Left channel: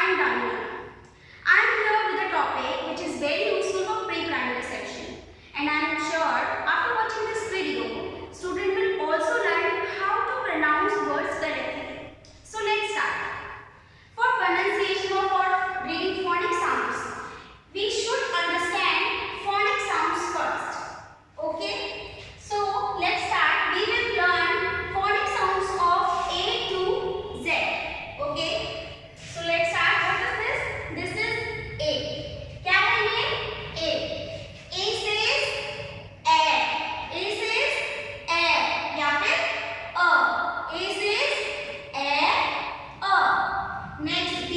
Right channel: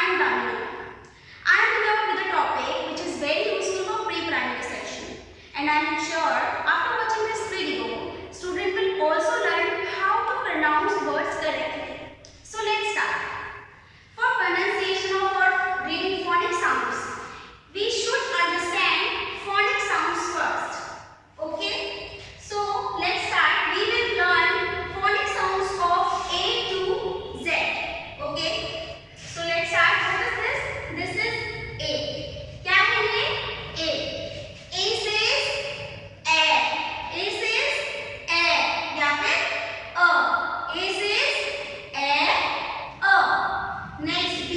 I am Rameshwar. I am here with a topic which is very useful for pre-primary section, and I am sure after watching this video, student will also learn how to pronounce words correctly. So let's start. For pronunciation or for reading phonic sounds, we should understand phonic sounds first. Okay? So let's start. We will learn phonic sounds of A to Z. Okay? So let's start. What is this? This is A. क्या है ये? A. A says A. A says A. या फिर A. A says A. A. Next B.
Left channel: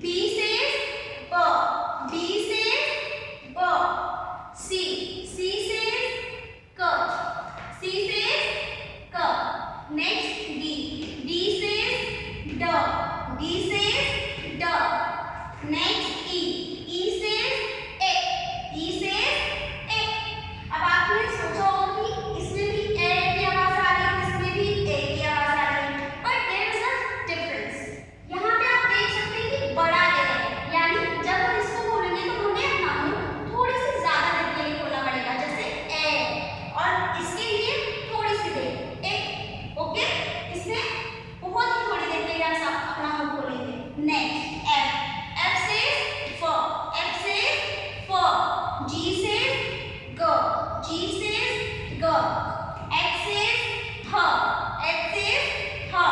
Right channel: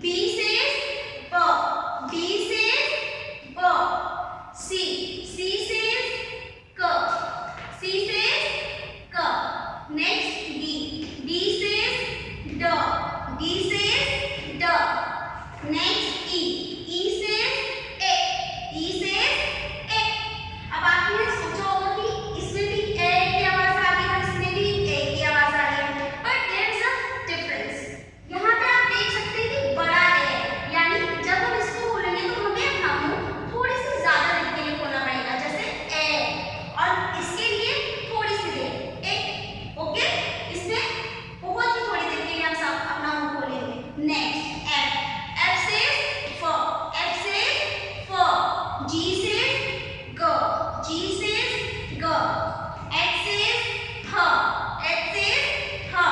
B says B. B says B. C. C says K. C says K. Next D. D says D. D says D. Next E. E says A. E says A. अब आपने सोचा होगा कि इसमें भी A की आवाज आ रही है, इसमें भी A की आवाज आ रही है, but there is a difference. यहाँ पे आप देख सकते हैं कि बड़ा A है, यानी जब हम इसको बोलेंगे तो हमें अपना मुंह थोड़ी सी ज्यादा देर के लिए खोलना पड़ेगा, जैसे A, और इसके लिए थोड़ी सी देर A. ओके, इसमें बहुत ही थोड़ी देर के लिए आप अपना मुंह खोलेंगे. Next F. F says F. F says F. G says G. G says G. H says H. H says H.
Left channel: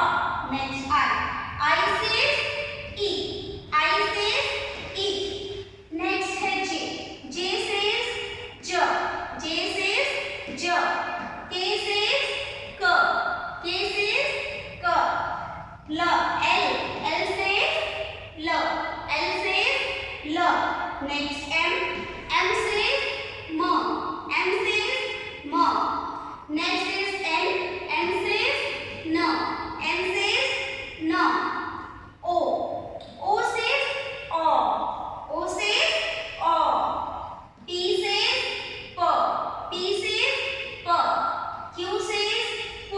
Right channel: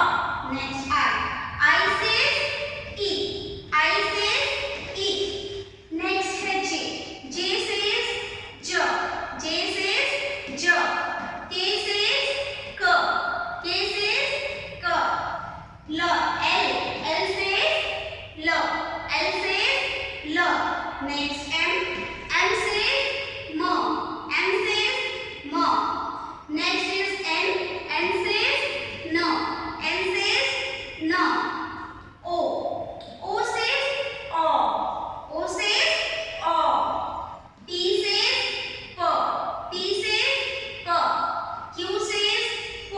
Next I. I says E. I says E. Next है J. J says J. J says J. K says K. K says K. L. L. L says L. L says L. Next M. M says M. M says M. Next is N. N says N. N says N. O. O says O. O says O. P says P. P says P. Q says Q.